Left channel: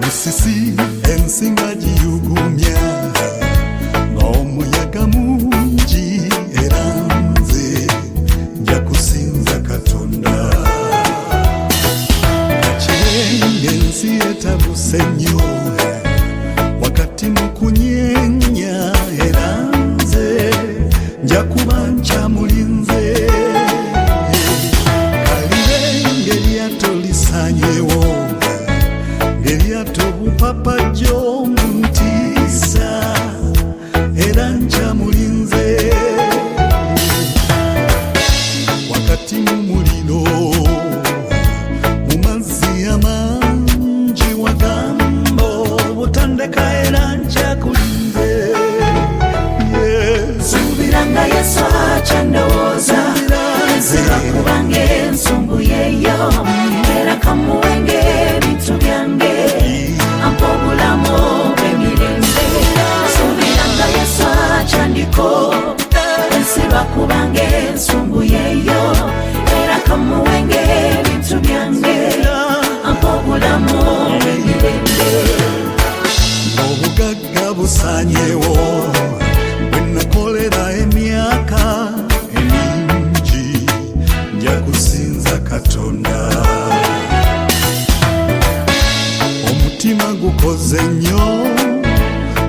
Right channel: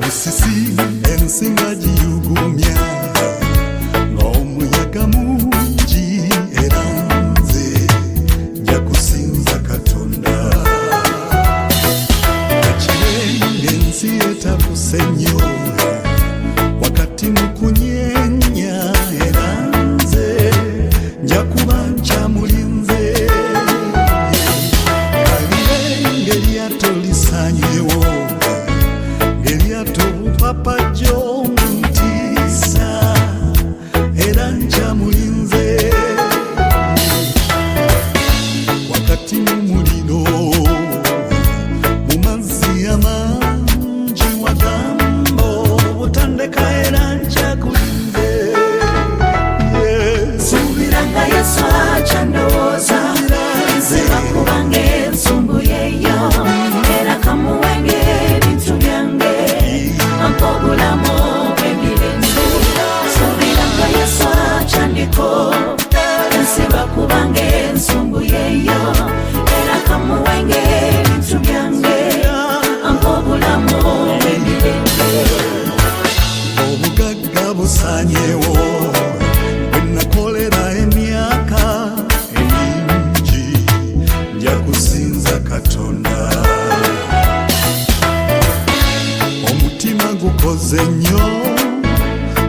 musisi ensinga giyugumya ng'omuyaga mungi era nze nja kusinza Katonda. Kakirenge ensi etabuse nnyo wakati mu kunyenya era nze nja kuba nkyamulinze. Kalirenge eryato lisanyewo ng'eryato bupapajjo mu ntiisa era nkyamulinze. Wakati mu muliro mu mazzi amangi wagamba obutandeka era nkyakulinze. Subiranga Yesu akyandowooza kubange ensonga yeeyo era kamuwenge ebintu byange ampa obulamu bw'emirembe. Subiranga Yesu akyandiko enseba kubange ensonga yeeyo era kamuwenge ebintu byange ampa obulamu bw'emirembe. Obugagga busanyewo nakolera emyaka emingi nja kusinza Katonda. Omutima gukoze nnyo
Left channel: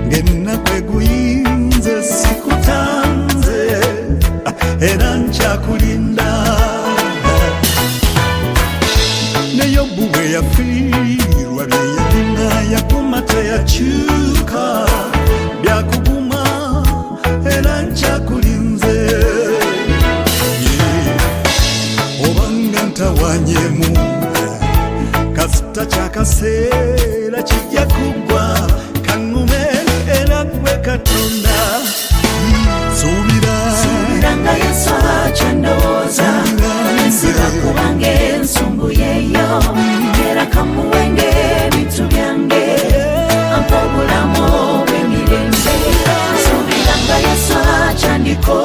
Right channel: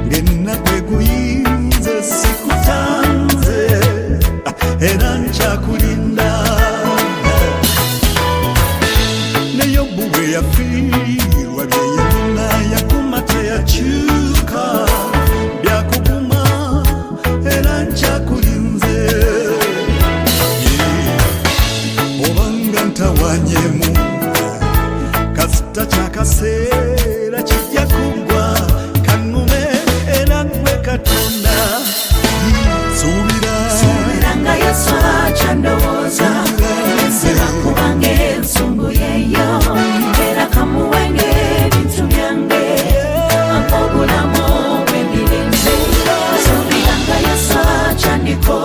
ng'ennaku eguyinze sikutanze era nkyakulinda. Ne Yobu bwe yafiirwa bye yalina yakuma teyakyuka byakuguma era nkyakulinze. Obanga ntawanyemu kasita kyakaseera kijja kugwa kaŋŋume era gwe Katonda. Suubira Yesu akyandowooza nze kubange ensonga yeeyo era kamuwenge ebintu byange ampa obulamu bw'emirembe. Subiranga Yesu akyandiko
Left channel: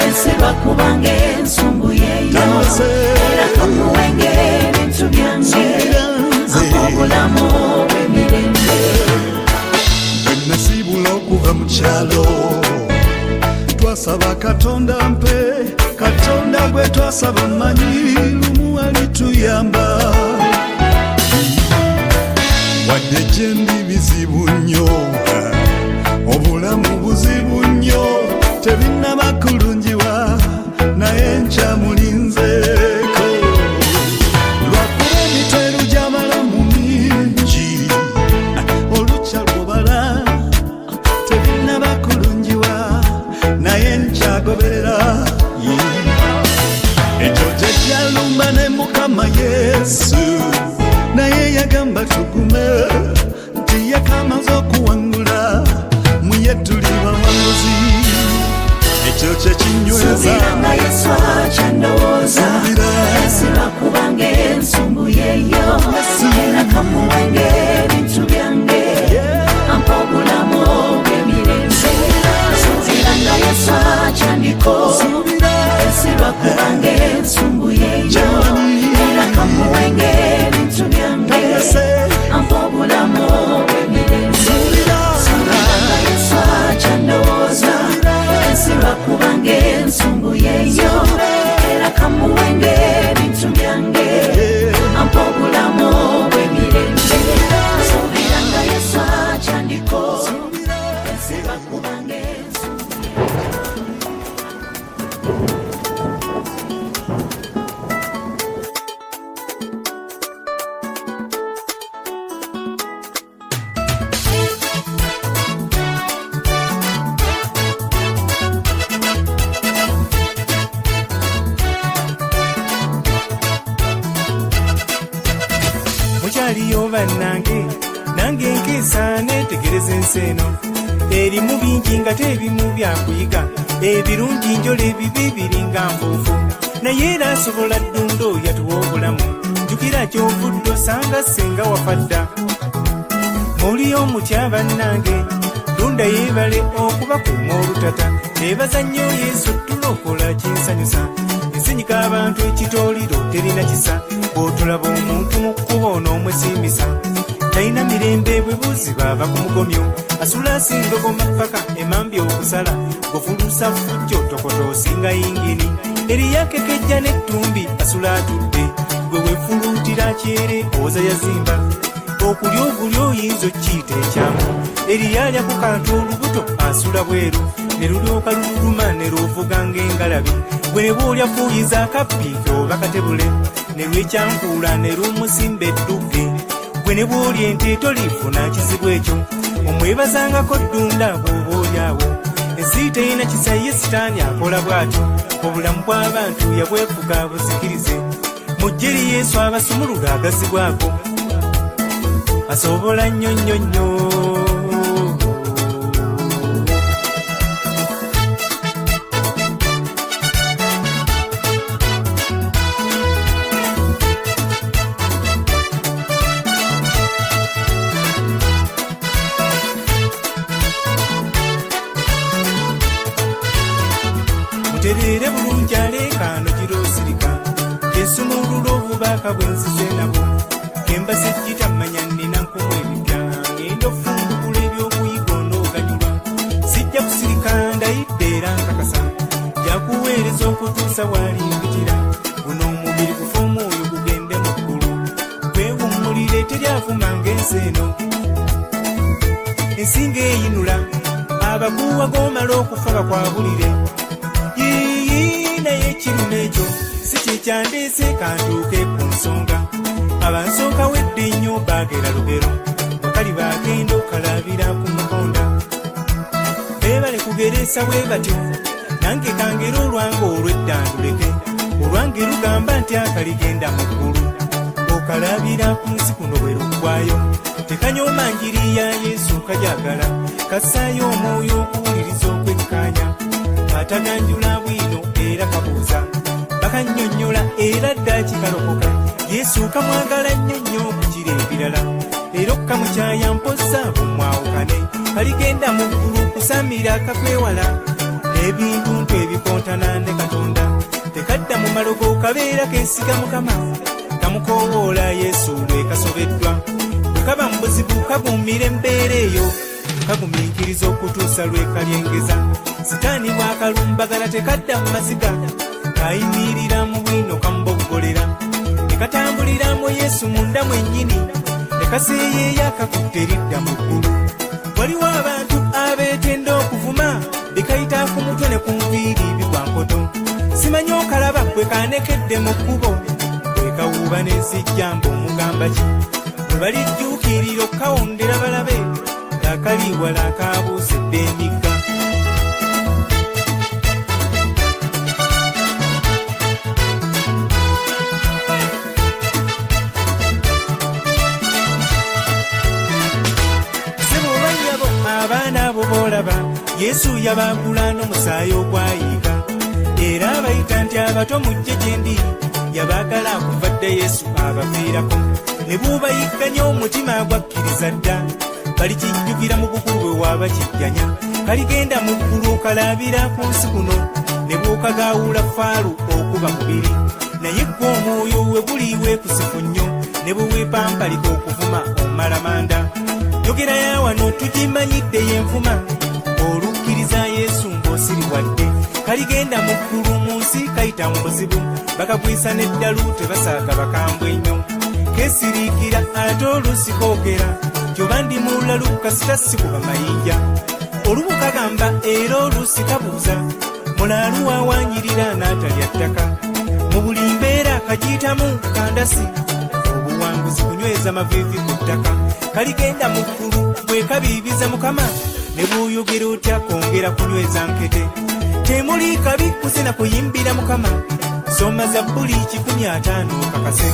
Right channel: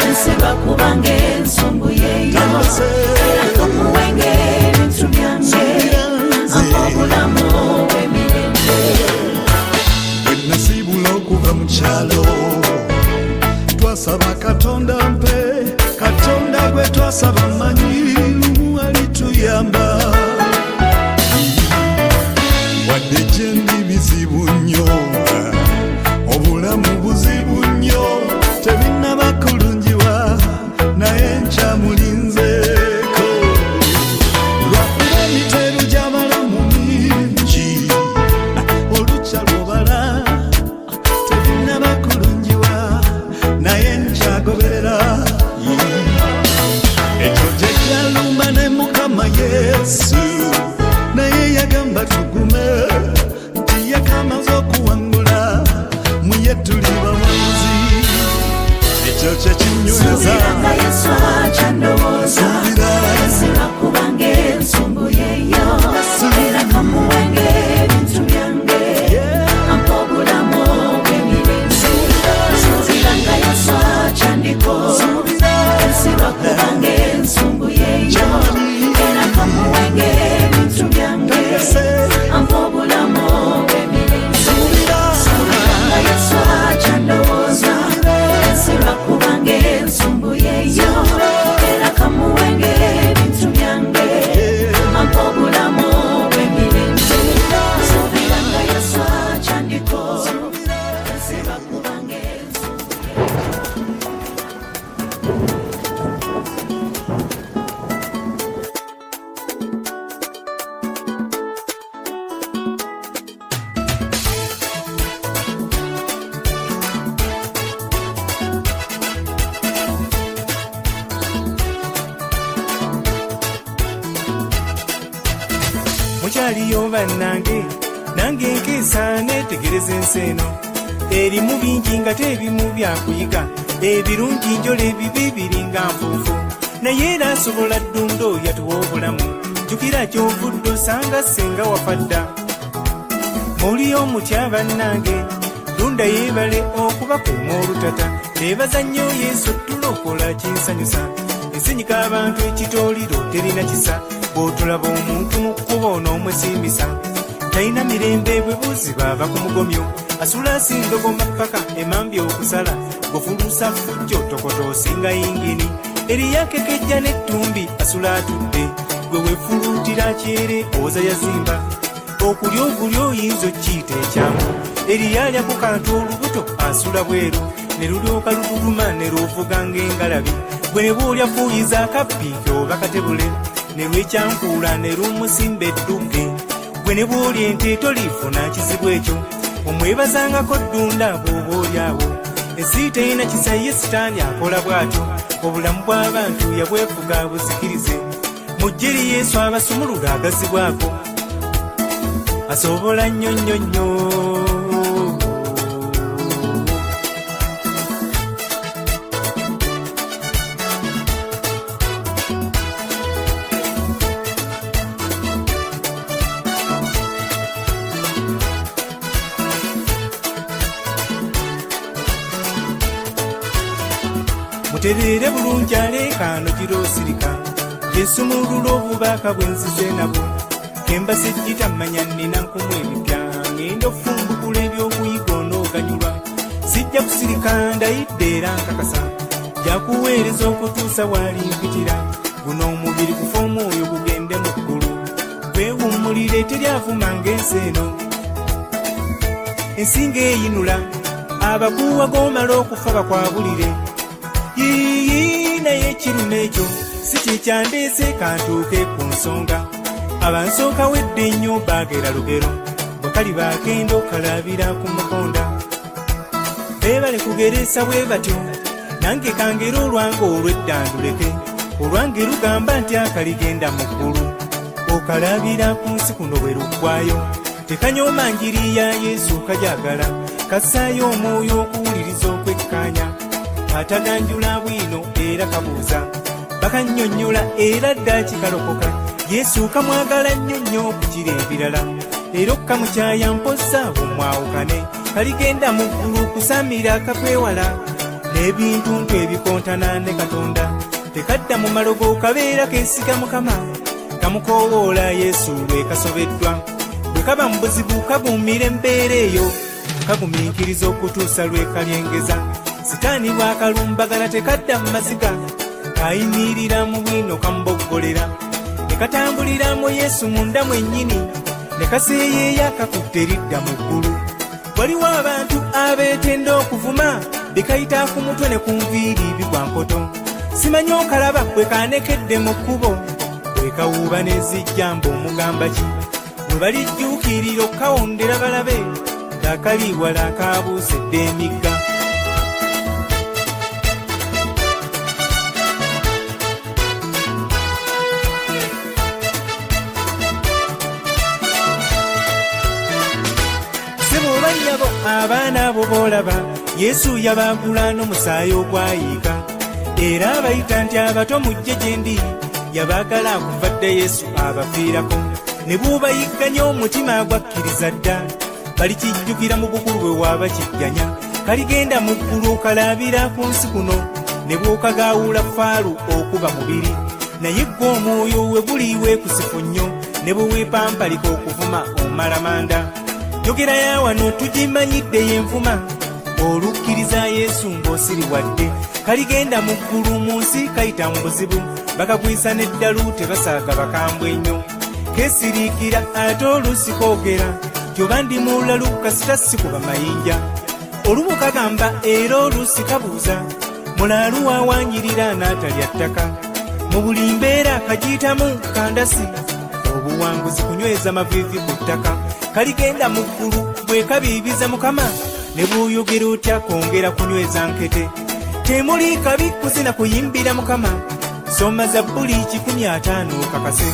ensiba kubange ensonga yeeyo tandase kamuwenge ebintu byange suubira nze obulamu bw'emirembe. bwe nasiibula okuva mu kyalo twasaba Katonda mpe Katonda gwe twasaba manyi lumu alituyamba. Wadde gye ndi bizibu nnyo obulamu buzibu nnyo tebinnaba kulungiwa naye nkyamulinzeeko. Lwakuba emiteeru gy'abalamu mingi olukya lw'obala tebinnaba kulungiwa naye nkyagoberera. Ekyo kye kyalumba ne Mukama Yesu naye yagamba tugume nti ye kamaze okuwangula mu ye tuli bawanguzi. Ekyo kye kinyweza suubira Yesu suubira kyemanyi tandase suubira mukyaliyo bannange nange nkeesa neetegereza ensi eno erimu bingi nga tebimu byakuyiga ebirungi njola ebibi biringa nfuufu naye era asobola ddundo yatuwa obulamu jjukira kyovudde osanga ssenga wafadda. Muliyo mutya bannange tunda yeebale okubakuuma olutata ebaza nnyo Yesu tulokola kinsanyusa ensinyika abantu ekitooliro terina kisa bw'otulaba omuntu mu kkubo n'omwesiimisa talina mirembe bwe buziba ava ku mugomyo asula asindogoma paka emambi okusala gofulusa fujjo tokoto osinga yingini eriyakekejja n'ettumbi asula atudde gwe wefuluutira kyere oza yazimba okulya ogulya oyinza okkiyita ekyamu eriyalya ku kantu olubuto asula bweru ne lulyoka lululuma ne lwovuga ng'engalabi gwe ne bw'olya fuuyiza akappiike oba katebule ne lwekyankuula ne lumusimba eddugge gwe ne bw'olya ente tolifuna kizibu ekyo omwebazangako ddunda bw'oba olyawo ensi terina kisa ye sitaani akola bw'atyo obulamu bw'abantu yabwefuga buzikirize mujje eri Yesu abasumulula agazibwako asobola nnyo nnyo nnyo. Mutereere bulungi aleekaano giroosirika esumulula obubaka bwenzize nabo kembase gitamanya nnina nkumu ebipya ngenda ofungukula ebyokuyiga onooganyulwa sijja kusirika ndayidde era nkakasa jakuweereza okutuusa walimpitira guno omubiri kufa omwoyo gugende mu ggulu kwewummulire teryavuma ng'ensi eno ensinga eyinula abakuwa g'omala okufa bakwabulire yiyi naye ekiruma ekyo si kyekyandeese kantuuke ku nsonga abansooka wedde nnyo baagera lugero bwe kali baagenda okalabira ku mukonda beebale kugereesa bwe batyo nange kangera olwange olw'eddanduleke olwange lugamba nti akaligenda mu ggulu okalabira ku nsi kuno bwe luggwayo tekanyooma njiri ya Yesu kajagala kassaayo omwoyo okuwuliriza okwekkaanya ataganjula bwino era kabuuza bakannyonnyola era dda kikalokoka Yesu kamwagala nnyo nnyo okukira ebirala era okamukyaya mposa bumwawukane kaligenda mu ggulu kusamira kakwewala n'ebintu ntu ebikontana ne Katonda tekadda mu malogo kabeera keesiga Mukama kamukoowoola Yesu lwe kasobeddwa bwe kaba mu buzibu kaguumira embeera eyo kagumiikiriza okutuusa lwe kalyengeza sitaani bwakalumbagala tekadda mu maziga kayimirira mu bwino kamuboggolera nekatambulira mu Yesu munda mwennyini nekaseeyeeya kakutte eridda mu ggulu waliwo abantu abeetenda okuvuma bikayita ku mutwe ne ku nviiri bigwa nkoto simanyi okalaba bwe kanekedde mu kkubo bwe kawuuba n'ezijjamba omugamba ki bwe balijjuukirira okukawondera balabe akali wala kabuusedde emigga abaana abo boolaba Yesu yabaagula n'omusaayi ogwayiika era abayita nti abato mujje gye ndi yabaagala akuvadde Yesu abafiirako ne buubayigganya omutima gwakkiriza dda balikijjukira mu bukulu bwe waabakijjanya kaligenda mu ggulu okalabira ku nsi kuno ne bw'okagaawula faalu okuba mubiri naye ggwe omwoyo we buli weekusifu nnyo ne bwe weepampalika okuvuma omalamanda yogera ya wano tugimanyidde yenvuma olukkiriza Yesu ng'osiriwadde kaligenda mu ggulu mu nsi kayita mu buzibu bakagwisa n'eddalu tebasaaga bakambwe nnyo keesiriikira ate oluusi koogera tyoba ndi mulalu kasita sikuba mayinja olubu kagamba era oluusi kabuuza mulaalu waawanyirira n'atalya ttaka mu buli mbeera kagiyitamu kandasi obuwanguzi kunyweza maviivi ku ttaka kaligenda mu ggulu bwe kabiibiza Mukama ne bw'oyogera otya kwongera kunyweza nkete temuli kabi kuzina kuyimbira Mukama soma Zabbuli 150 kakase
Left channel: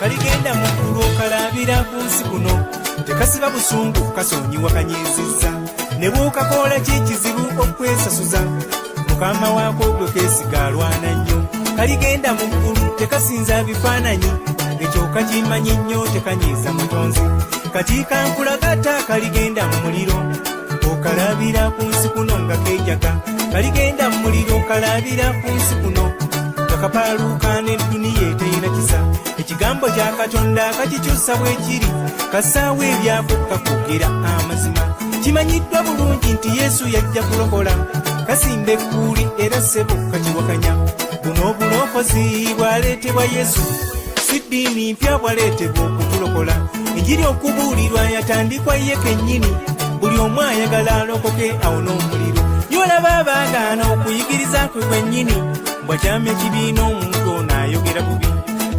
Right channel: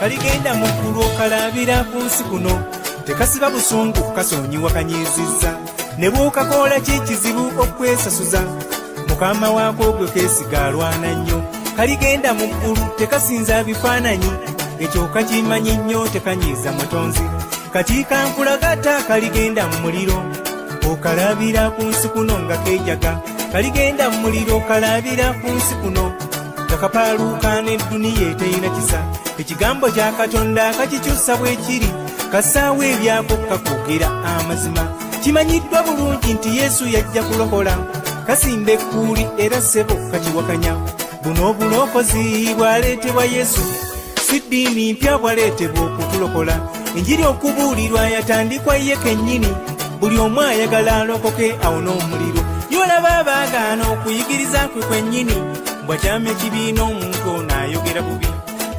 kaligenda mu ggulu okalabira ku nsi kuno tekasiba busungu kasonyiwa kanyiizizza ne bw'okakoola kikizibu okwesasuza mukama waako gwe keesiga alwana nnyo kaligenda mu ggulu tekasinza bifaananyi ekyo kakimanyi nnyo tekanyiiza mutonzi kati kankulagata kaligenda mu muliro okalabira ku nsi kuno nga keejaga kaligenda mu muliro kalabira ku nsi kuno kakapaaluuka n'edduniya eteyina kisa ekigambo kya katonda kakikyusa bwe kiri kasaawo ebyako kakugira amazima kimanyiddwa bulungi nti yesu yajja kulokola kasimba ekkuuli era ssebo kakiwakanya buno obulokozi bwaleetebwa yesu si ddiini mpya bwaleetebwa okutulokola enjiri okubuulirwa yatandikwa ye kennyini buli omu ayagala alokoke awona omuliro yolaba abaagaana okuyigiriza kwe kwennyini bwakyamya ekibiina omuntu ono ayogera bubi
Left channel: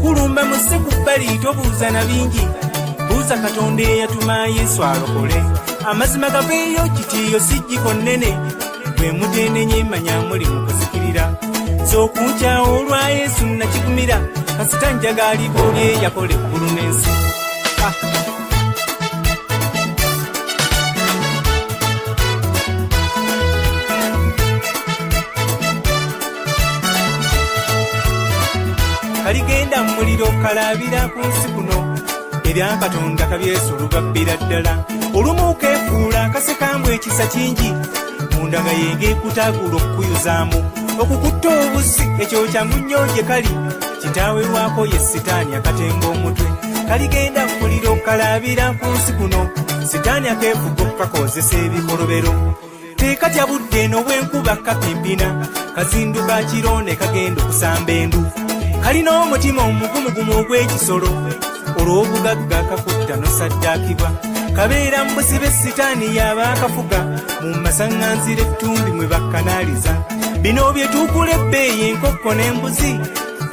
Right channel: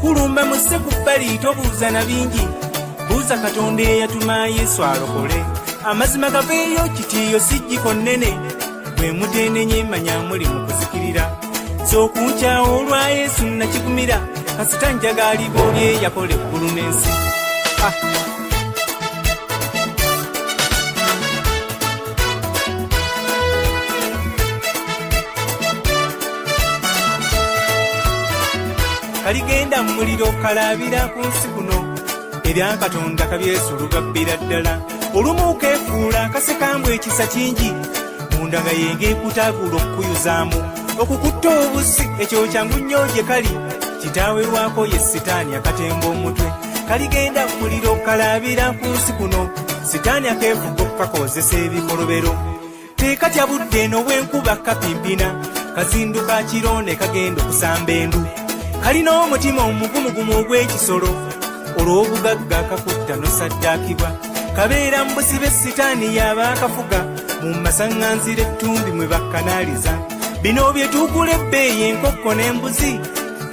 kulumba musse ku bbali tobuuza na bingi buuza katonda eyatuma yesu alokole amazima gaveeyo kitiiyo sijjiko nnene bwe muteenenye manya muli mu kuzikirira z'okunkyawo olwa yesu nakigumira kasita njagaalibwa oli yakola eggulu n'ensi kaligenda mu muliro kalabira ku nsi kuno ebya katonda kabyesulugabbira ddala olumu keefuula kasekambwa ekisa kingi munda nga yengeekutaagula okukuyuzaamu okukutta obusi ekyo kyangu nnyo gye kali kitaawe waako ye sitaani akatemba omutwe kaligenda mu muliro kalabira ku nsi kuno sitaani akeefuga okukakozesa ebikolobero teekatya budde eno bw'enkuba kapimpina kazinduka kiro ne kagenda okusamba endu kalina omutima omugumugumu ogw'ekisolo olw'obugagga kakutta nosaddaakibwa kabeera mu busibe sitaani yaaba akafuga mu masaŋŋanzira ettumbi mwe bakkanaaliza bino bye tuugula ebbeeyi enkokko n'embuzi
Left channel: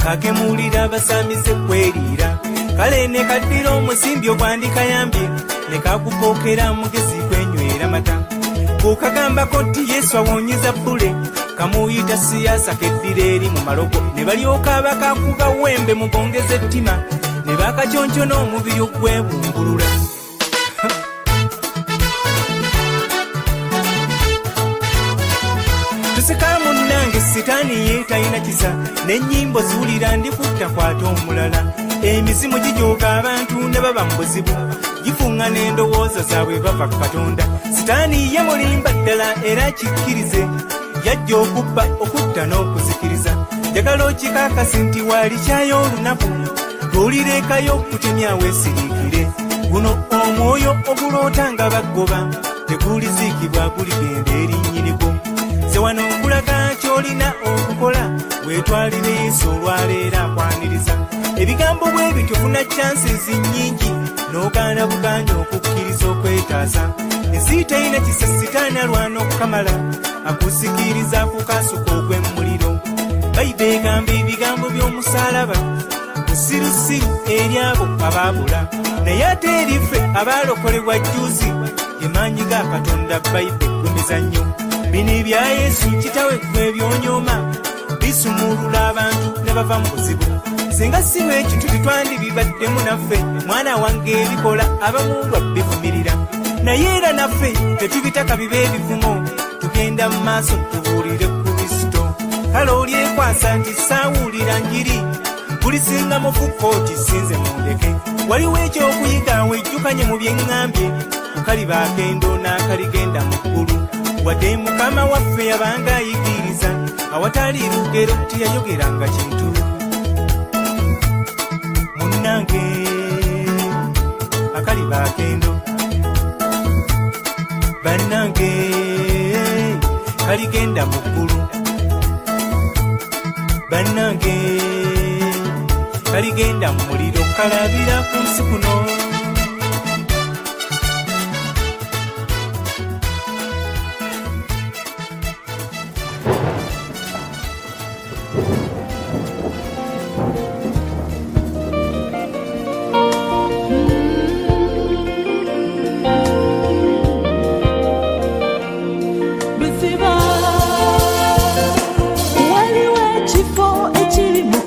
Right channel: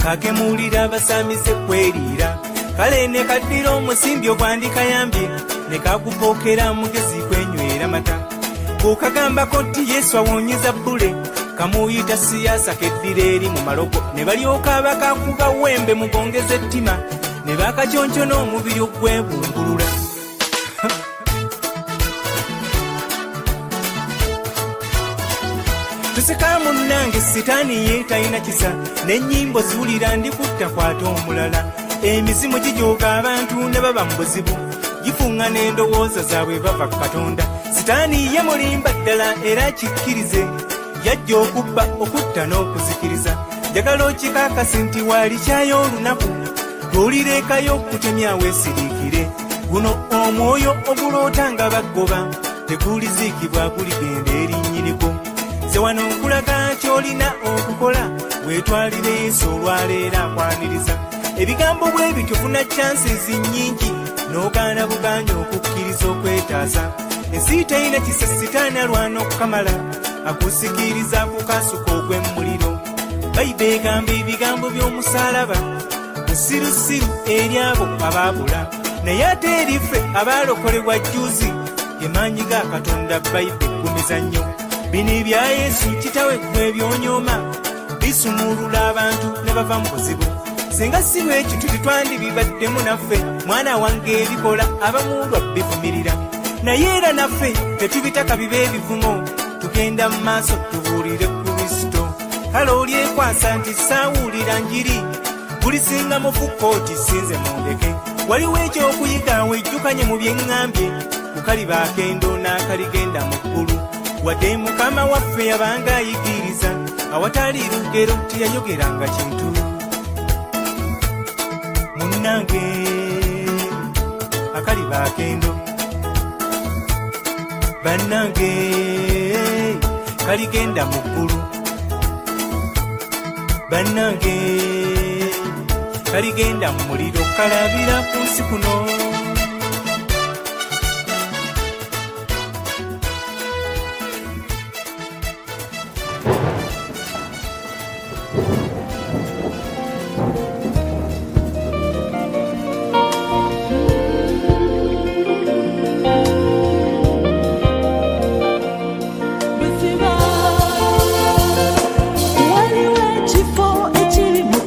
kakemuulira abasaamize kweriira kale ne kaddira omusimbi ogwandikayambye ne kagupookera mugezi kwenywera mata bw'okagambako nti yesu awonyeza bbule kamuyita siyaasa keddira eri mu malogo ne balyoka bakakuba wembe mugongeza ettima ne bakakyonkyona omubiri ogwebungulula tuseka munnange sitaani ye talina kisa n'ennyimbo ziwulira ndikutta kwata omulala emizimu gijooga abantu ne baba mu buzibu gifuŋŋa n'endowooza zaabwe bava ku katonda sitaani ye mulimba ddala era kikkirize yajja okubba okutta n'okuzikiriza njagala okikaakasi nti waalikyayo olunaku lw'olireekayo okutemya weesiriikire guno omwoyo oguloota nga baggoba teguliziikibwa guligenda eri nnyinigwo ze wano nkulaga ky'olina okukola weetwalire yesu olwaleero akwaniriza ebigambo bwe bityo funa chances nnyingi n'ogaana buganya okukkiriza okwetaasa ensi teyina kisa sitaani alwana okukamala akusikiriza kukasuka ogw'emmuliro bayibuli egamba ebigambo by'omusaalaba busirusiru eri abo abaabula naye ate eriffe abaalokolebwa jjuuzi emaanyi ga katonda bayibuli eggumiza nnyo bino ebya yesu kitawe gwe ebyonyooma bisumulula abantu ne bava mu buzibu singa si bwekyo tetwandibibaddemu naffe mwana wange ebikola abamu lwabbivumirira naye era naffe tetubitaka bibe ebivumo tugenda mu maaso tubuulire Kristo kale olyekwasa nti saawulira njiri bulisinga mufukooti sinze mundeke waliwo ekyokuyiga wejjukanye mu byeŋŋambye kukaliba akendo n'akaligenda mu ggulu wadde mukama waffe yabanga ayigiriza awatali lugero tiyayogeranga kintu munnange akaliba akendo bannange kaligenda mu ggulu bannange kaligenda mu muliro kalabira ku nsi kuno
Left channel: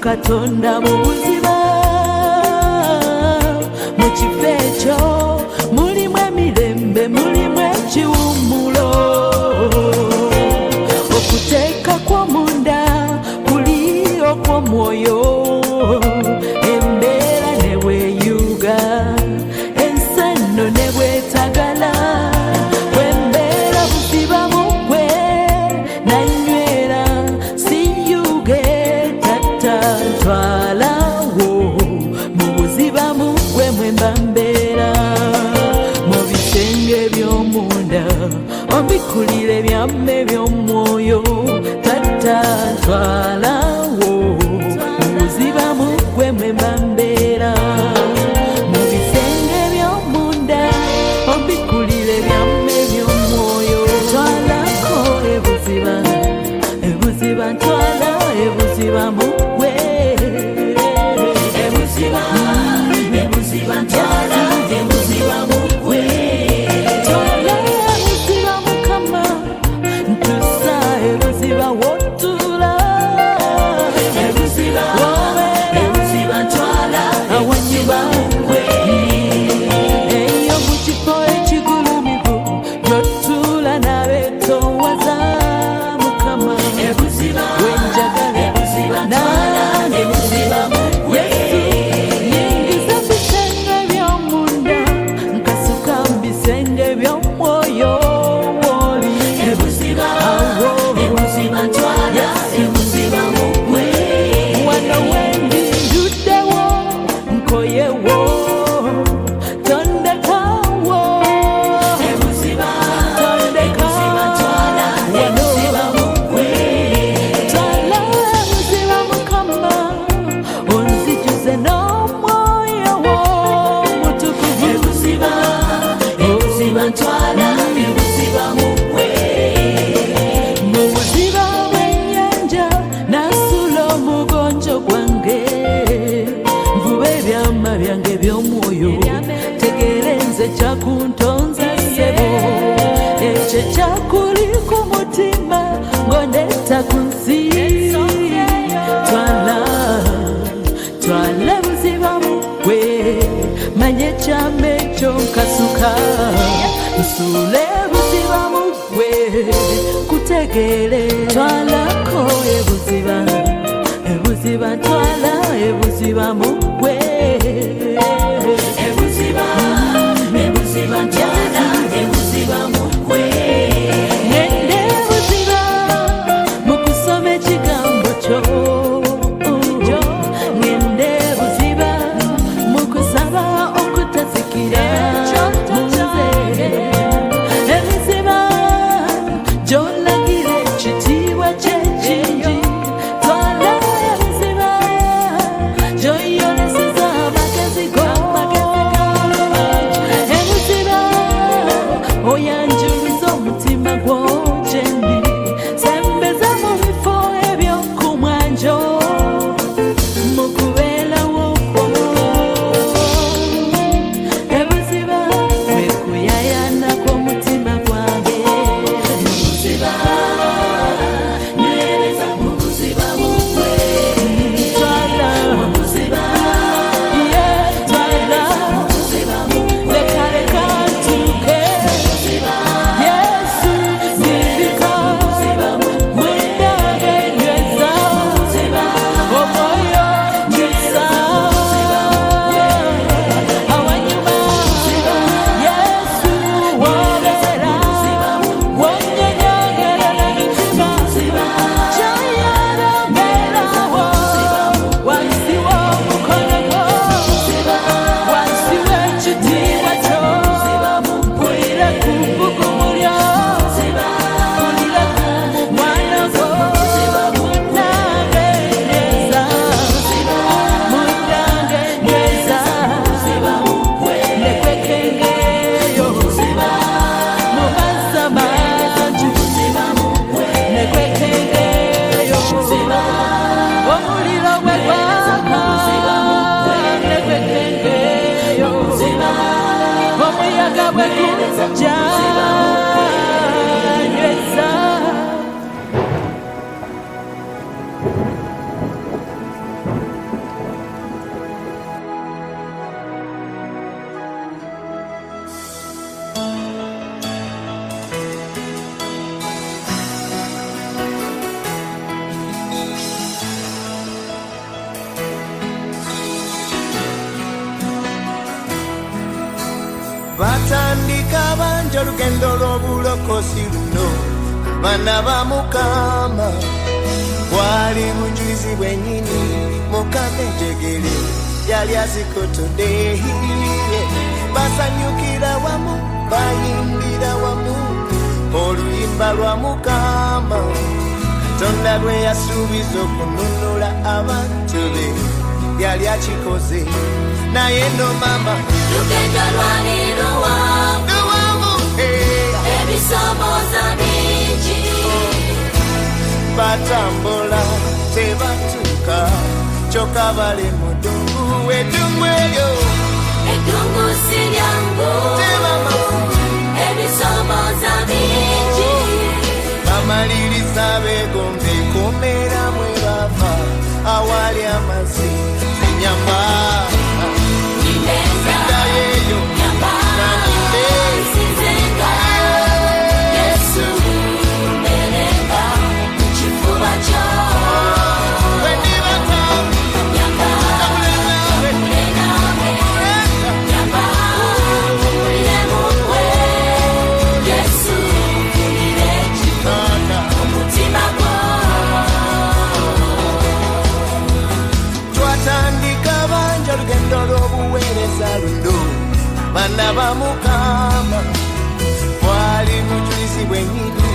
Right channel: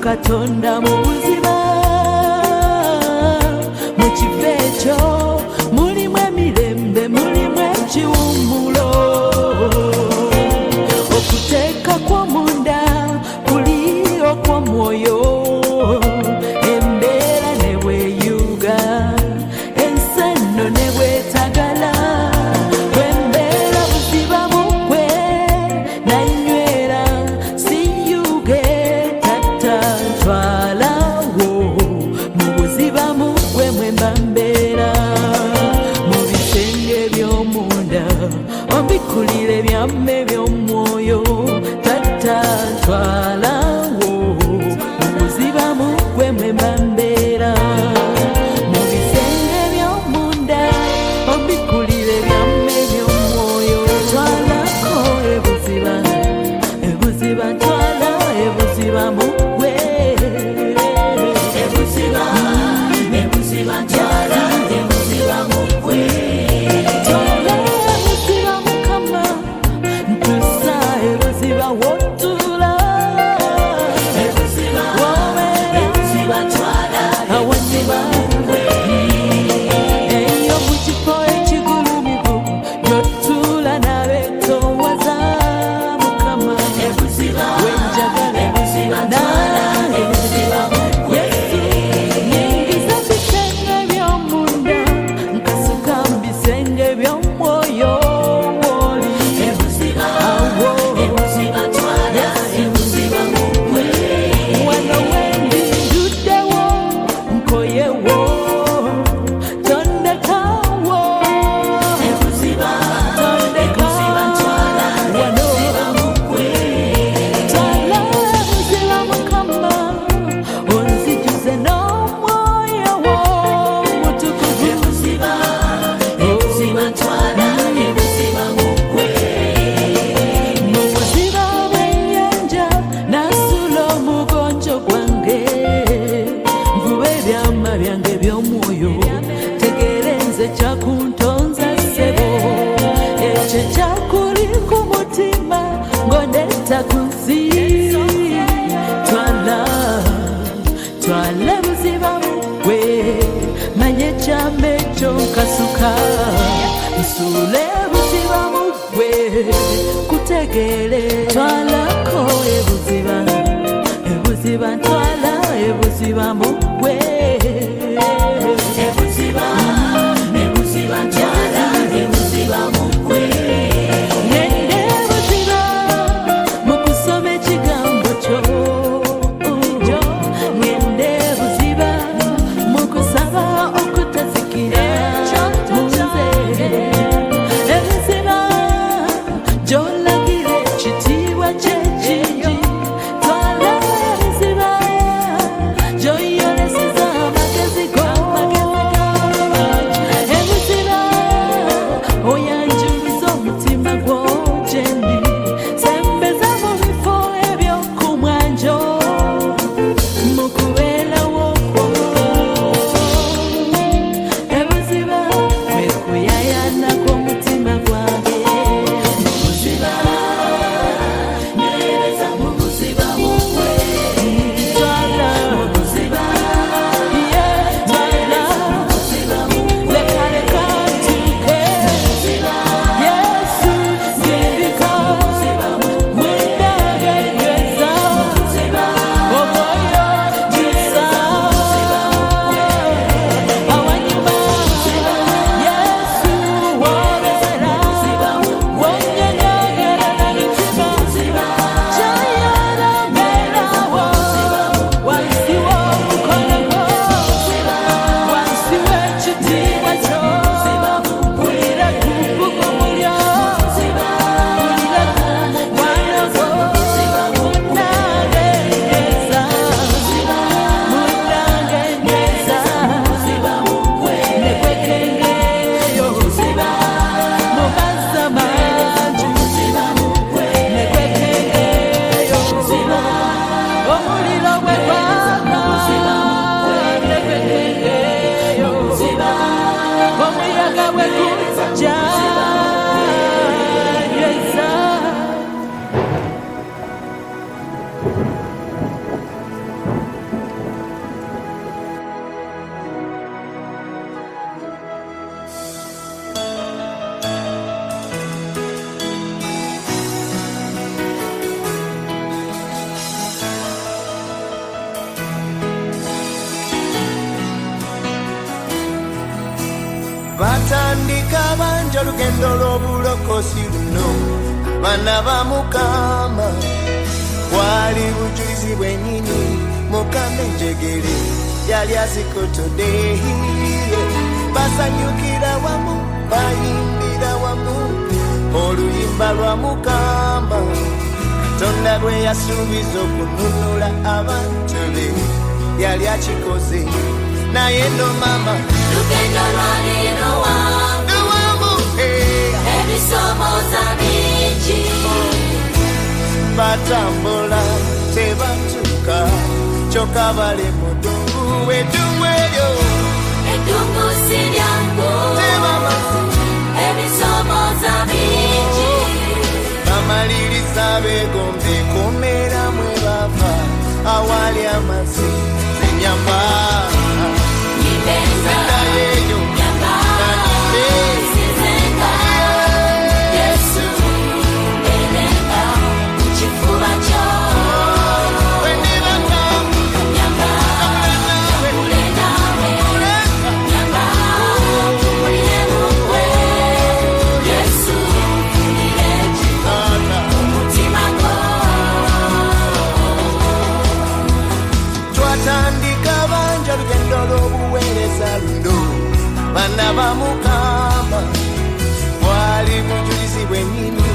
katonda mu buziba mu kifo ekyo mulimu emirembe mulimu ekiwummulo okuteeka kw'omunda kuli okw'omu wobera mu bisenge by'omunda obikulire byamme by'omwoyo twalako ebuziba ebuziba twala ebuziba mugwe ebuziba ebuziba twala ebuziba mugwe twala ebuziba mukama ntusa ebuziba wotula ebuziba wobera ebuziba twala awanyuma eyo mukifo ekigulumivu yotula nabetowaza mukama wenjagala nange yesu nyingiza bisenge by'omunda nkasuka mbisenge by'omwoyo woli awo yesu wano wendi nduddewo nkoyewo tondekawo tondeka wano twala ebuziba mukama onzijuze n'omwoyo wo mutukuvu mu buziba bw'ennyanja nasula omugonjo gwange nvuba ebyama byange by'omwoyo tegeera nze kyakuntonza ssebo ekyo kyakuli ku mutima ng'ondeeta ku nsi twala twala ebuziba mugwe manye ekyama ekyo nkasuka nsuula ebuziba mugwe kutegeere twalako ebuziba ebuziba twala ebuziba mugwe ebuziba ebuziba twala ebuziba mugwe ngende ebuziba mu kusoma ekigambo kyo ngende ebuziba mu kusaba okutazikira mu nze ebuziba gy'olagira ekitiibwa ky'ekingi twala ebuziba gy'oyoleseza amagezi go ebuziba oyanjuluza omutima gwo gyendi sembeza mu bifo eby'okumwanjo mu kubeerawo kwo ebuziba kwe kuyayana kw'omutima gwange twala ye twala leka leka ntuuke yesu sindika mundange nyweza omwoyo njusa awanyuma yesu wobera wonyonyogerera mitima kyayaramberawo wansi w'omukono gwo wansi w'ekitiibwa kyo mpulira ku bbugumu lyo mpulira ku mukwano gwo munnange nyweza munnange nyweza nekwekengeyo mu mazzi amangi nekwekengeyo omuliro bwe gwaka nekwekengeyo omuyaga bwe gujja nyweza batandika banja olugendo lw'obulokozi luno abaana ba mukama bwali bujulizi bwennyini mukama enjegere yali azikotodde basanyukira wamu bayimbira wamu oluyimba lwa mukama katonda lwe yasuubiza okununula abantu be yali akikoze naye no mama lugendo lwalero luwanvu ebisomoza bingi batambula tebatuuka kyokka bali mu ddungu eddungu eryo eddungu si lyangu tebamasi ebisomoza bingi bamaliriza beegombe kumera mwe bava awali amazzi zenyamba seddayeeyo nanimbe Yesu kifuba kyo lugendo lw'obuweereza luno baana ba Mukama bwali mujulizi bwennyini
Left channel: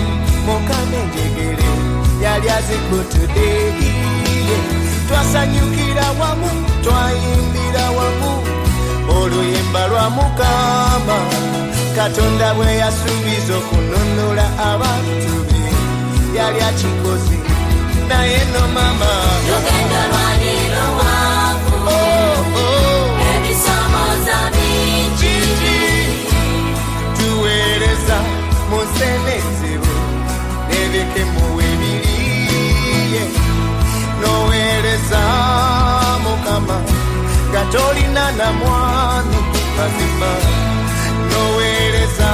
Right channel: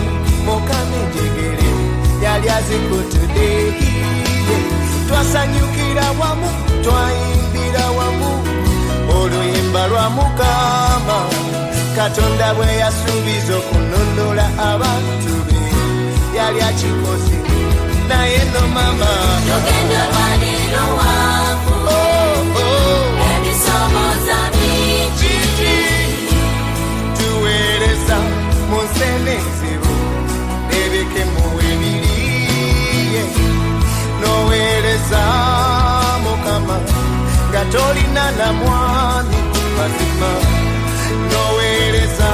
Mukama enjegere yali azikutudde twasanyukira wamu twayimbira wamu oluyimba lwa Mukama Katonda bwe yasuubiza okununula abantu be yali akikoze naye no mama lugendo lwalero tuweereza mu nsenezebu nebikemu ebiriye noweereza Mukama nga tolina na mwami mazima noweereza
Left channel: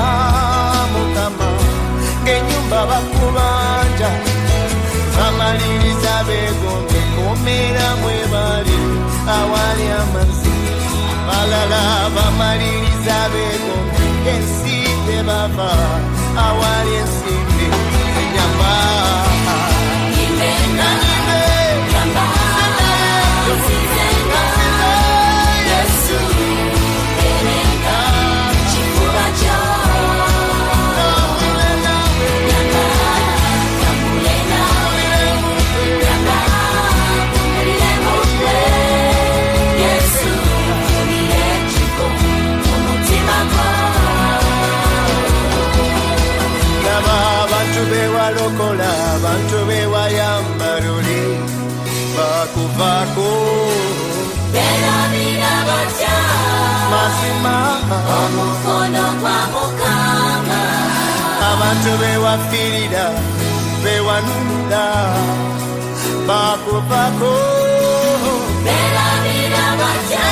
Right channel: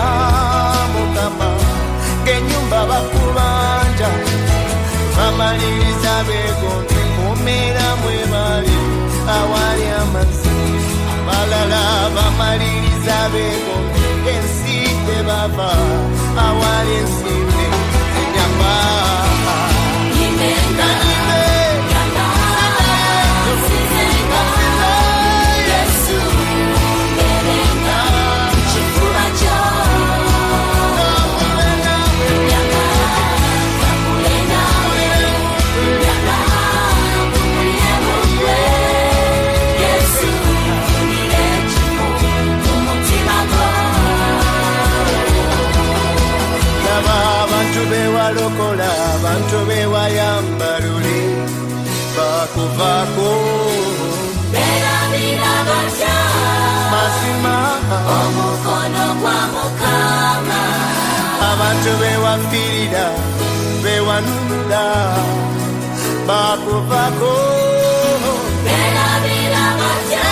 Mukama ng'ennyumba bakubanja bamaliriza beegombe kumera mwe bali awali amazzi abalala bamaliriza beegombe ensi gye bava awali ensimbe enyamba Yesu abantu bewalokola abantu bewayamba luli bakuvaako berabira batya mazima omukono gwa Mukama abantu bewafiirira bewanunula bakuvaako berabira batya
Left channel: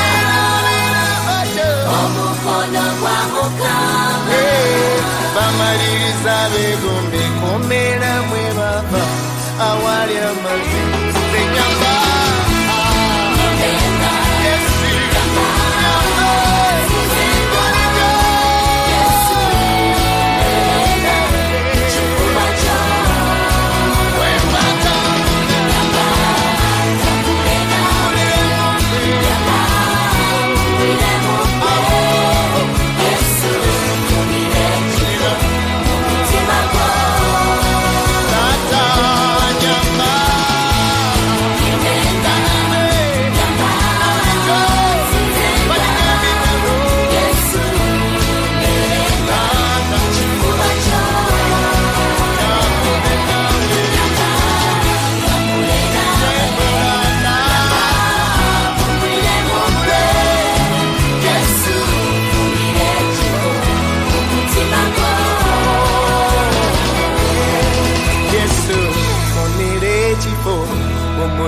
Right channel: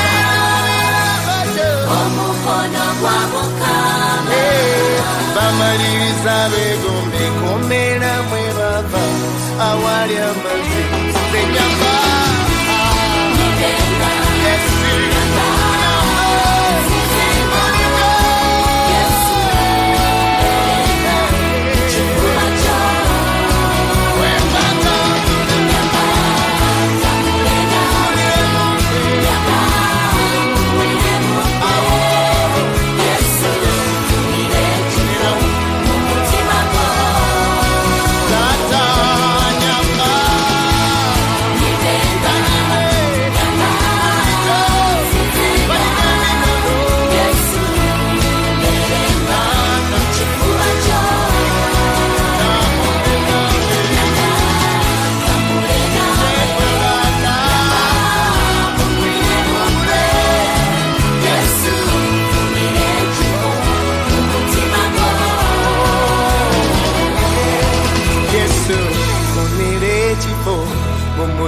omukono gwa Mukama bamaliriza beegombe kumera mwe bava awali amazzi zenyamba Yesu nyamba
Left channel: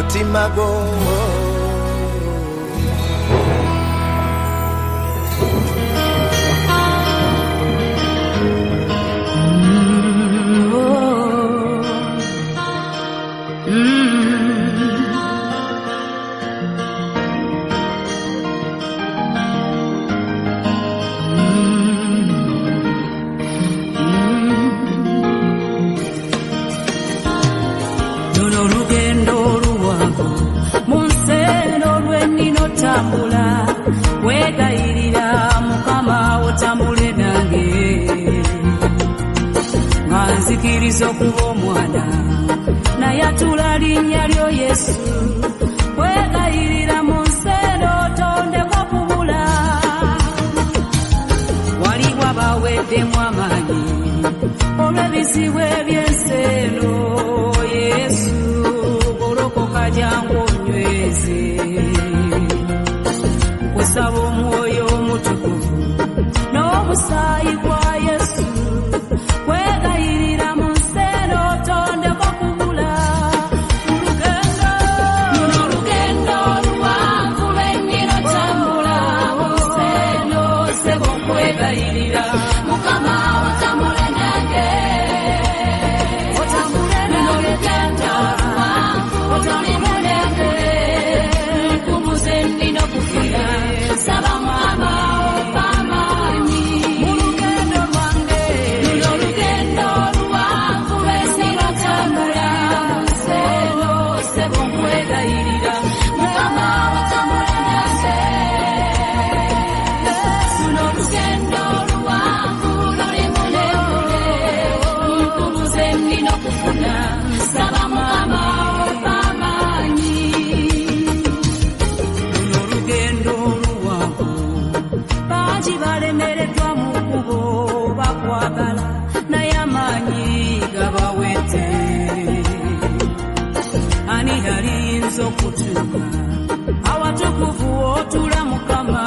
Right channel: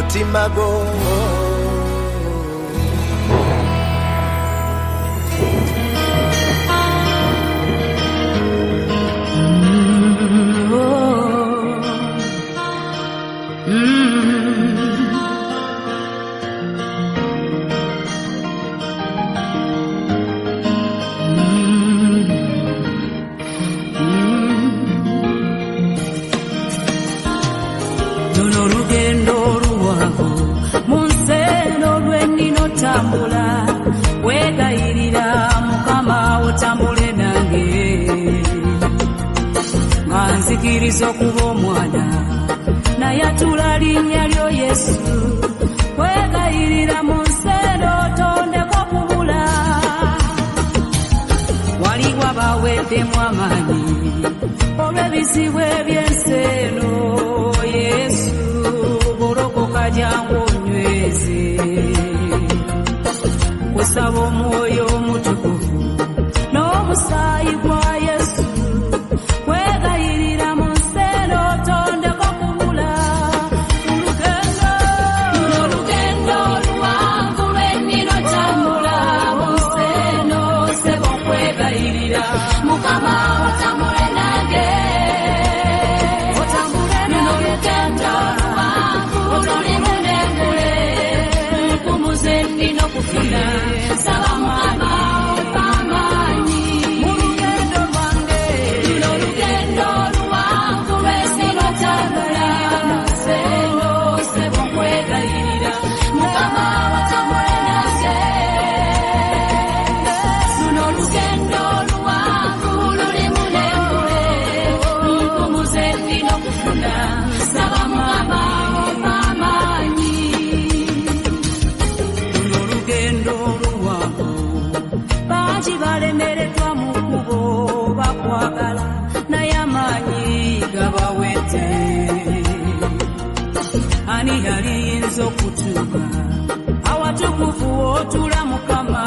mutima gwo luno lugendo luwanvu munseno lwennina otambula wegayirira Mukama otambule nange nga nzikiriza okuba omwana naye atula linnya lyo Yesu wegayirira munsi baweddemu amaanyi olw'ebizibu eby'ensi eno. Yesu golokoka jangu onyweze, kusaba omwoyo omutukuvu n'omusaayi gwa Yesu kwegayirira mu nsi eno tondeko kubula. Olugendo luwanvu lw'ennira tambula mu nsi eno sebo kwegayirira Mukama otambule nange, otambule nange Taata, otambule nange nkumuze nnina okufuna nsaba amaanyi mu lugendo lwange. Sebo kwegayirira sebo kwegayirira Mukama luno olugendo oluwanvu bangi balemereddwa mu kkubo bakwagala naye amaanyi gabawedde. Ani yaliyinza okutuuka awatukuvu w'otuula Mukama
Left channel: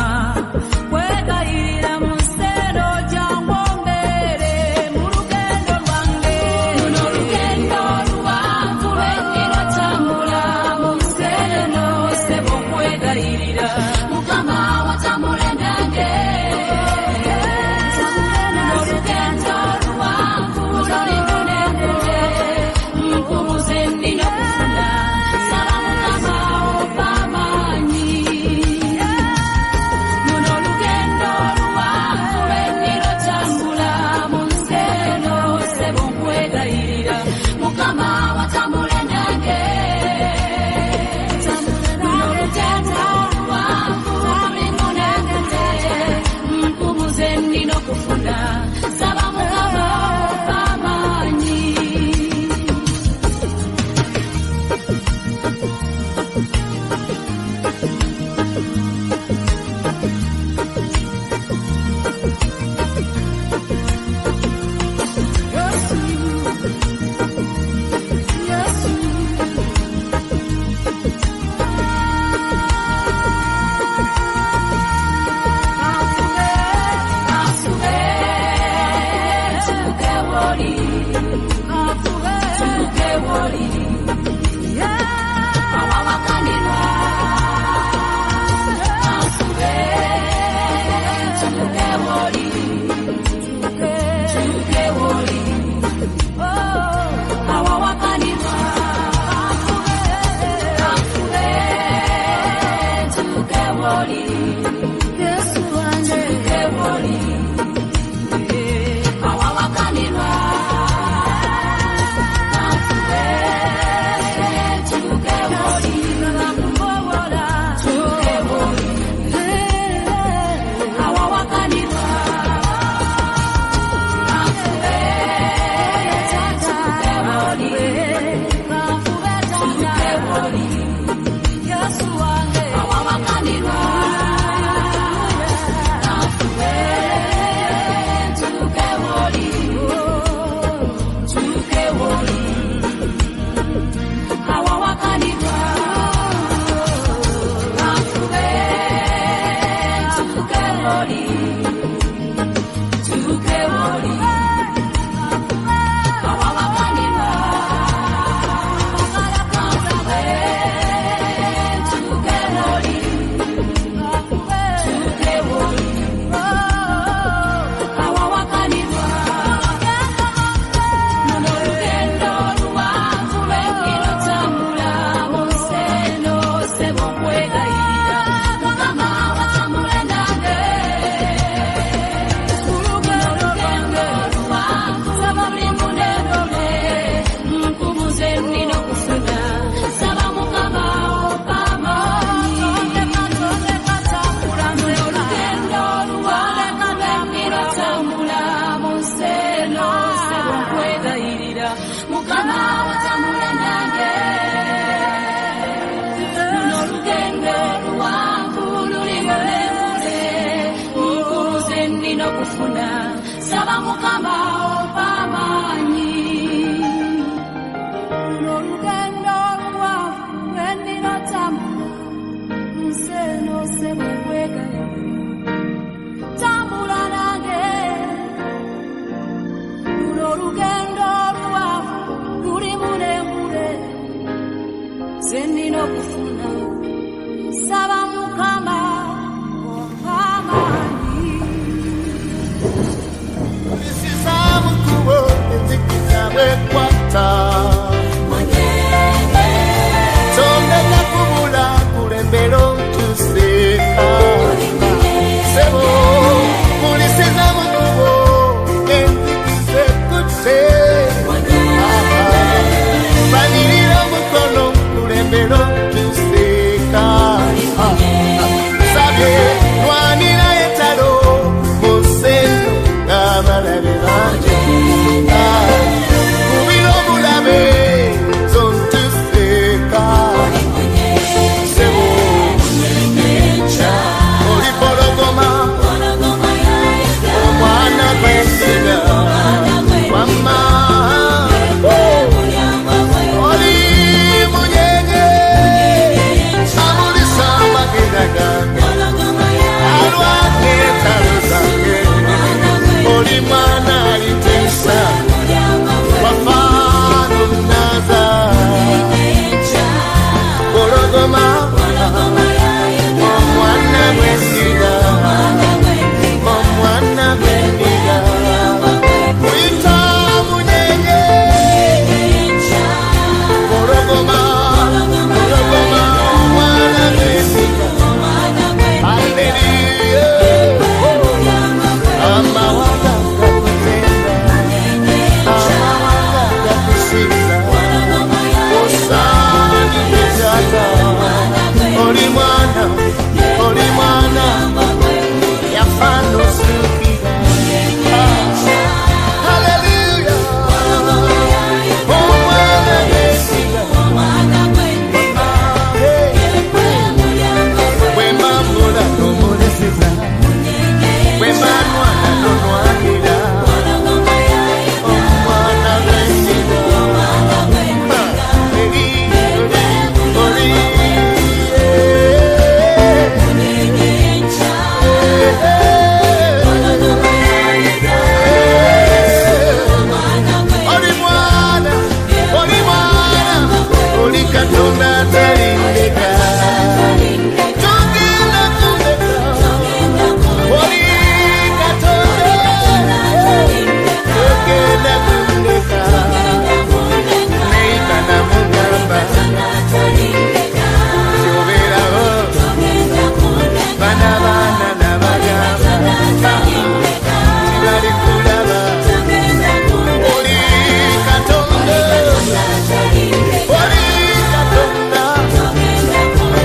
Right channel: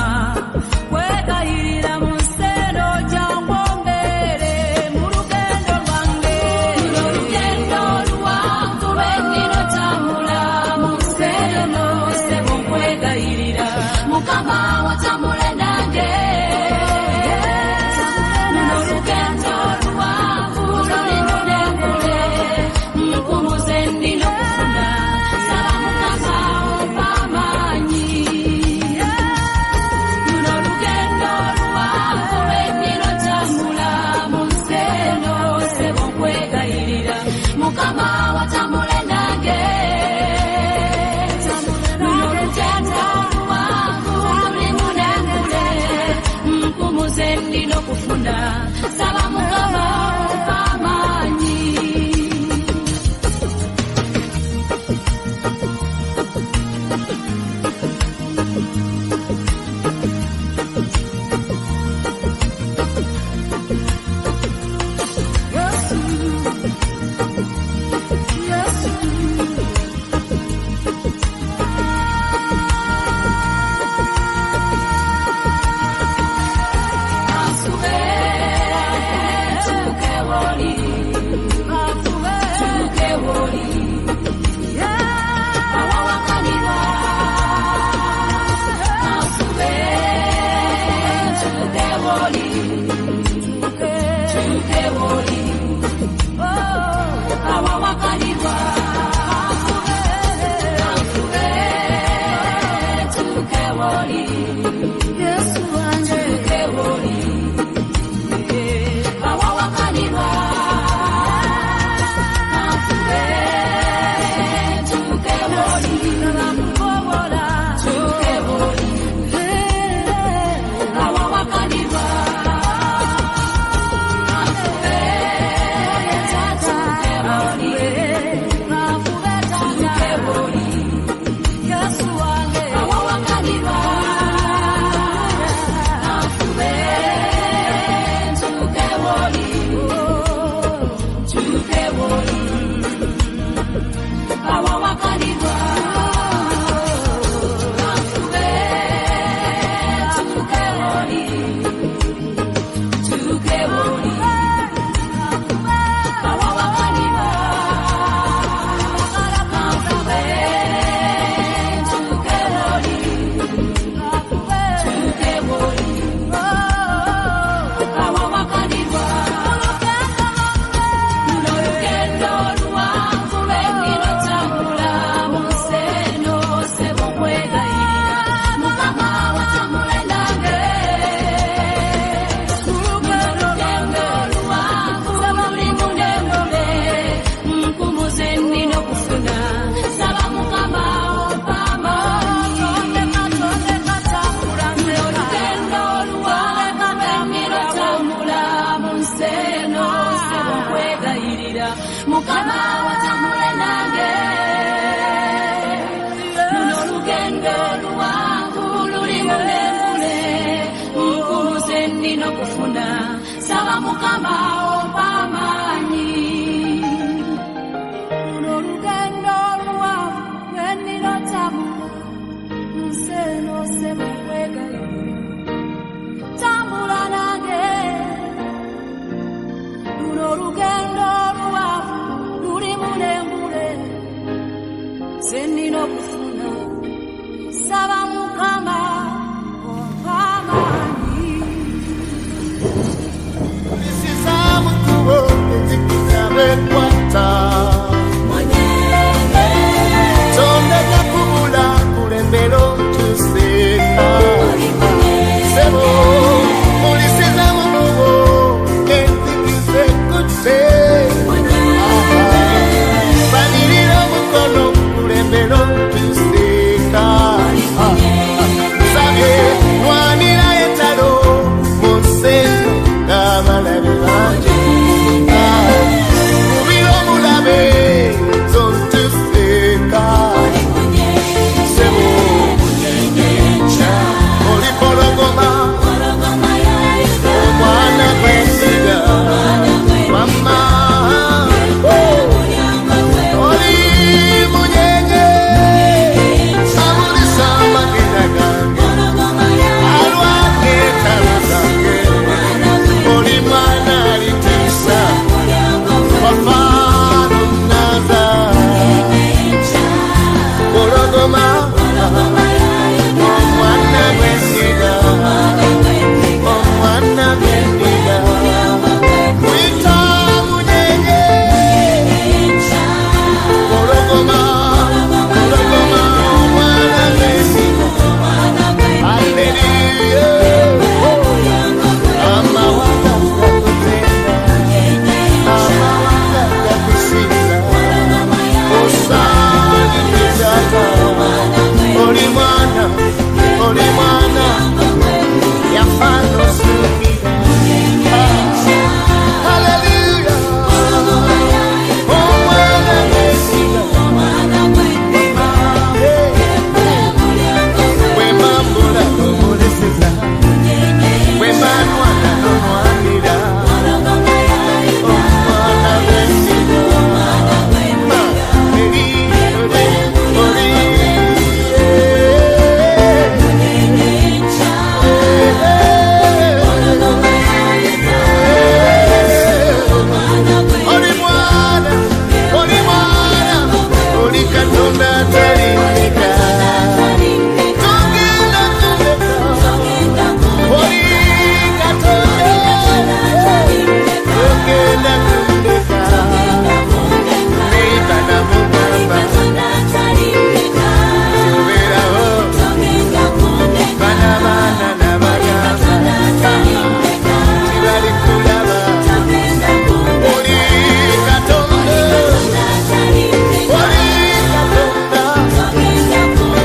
kwegayirira mu nsi eno jangu ombeere mu lugendo lwange. Olugendo luwanvu lw'ennira tambula mu nsi eno sebo kwegayirira Mukama otambule nange, otambule nange Taata, otambule nange nkumuze nnina okufuna nsaba Mukama amaanyi. mukama opamani luno lugendo luwanvu lwenninotambula nseno sebo nkwegayo tambula nange luno lugendo luwanvu lulimu n'engule zennina okufuna saba mukama opamani Ulisiza mukubo enzikiza bwekwata Sonda nakubula kulembero ntuseka Sebo ulisiza mukubo enzikiza kutse Banirira mukono kulembero ntuseka Sabye nwanira etalo museno Kabalabe banje Mubiro mulabe Zontuseka Sebo Nyenyecha Oli pologoma Omwana kwesiga Mama Oli munyenye Amulisa magenda gange Alwake talo zange Oli mwana alitisa Wafano naza Borogoma Omwana gwesiga Omwana gwendiga Kuita munyenye Borogoma Borogoma Omwana gwesiga Hallelujah Amawanga gakutenda Amawanga gakusinza Osani kitata Oli mwana Yafano sukira Hallelujah Omwana gwesiga Wemambula nomulesiza Wemanwana nonwanira Omwana gwesiga Oli mwana Oli katonda talindeka Togenda kundeka Oli katonda Togenda kundeka Neiba na mugamba Tiobeeraho Bana nabagamba Tibali kulaba Oli katonda Oli katonda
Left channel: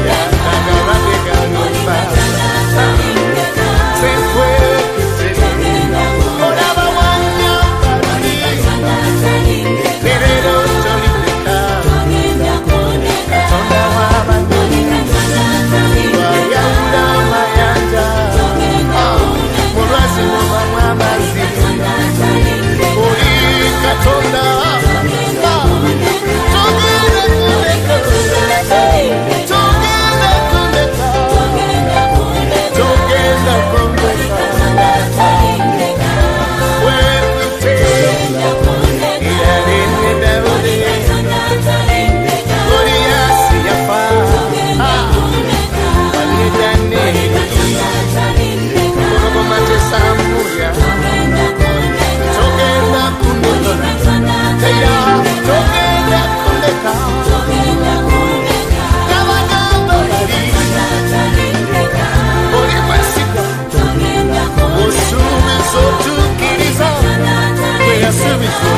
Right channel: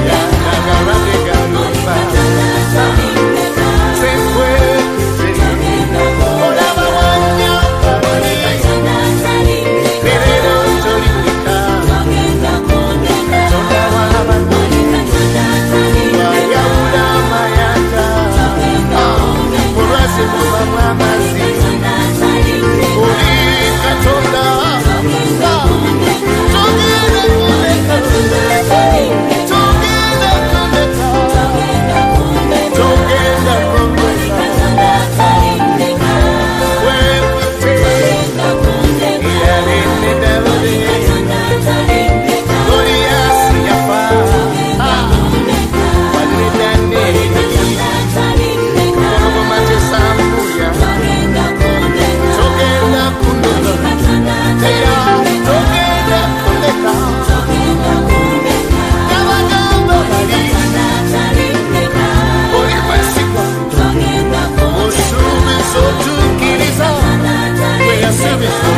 Yanagarate galumba Sefwe kusene Olaba wanya barani Terero soliteka Katonda wabandi Wayaula mayanja Murasi mwa mwamazi Oli katonda Togenda kundeka Togenda kundeka Togenda kundeka Wepite Iyalene Daudi Goliasi yafa Wale Danieli Korogoma tesambuya Togenda kundeka Teira Togenda kundeka Kabagamba bali Oli kwesigwa Osubizo tukiriza Kwe yasubizo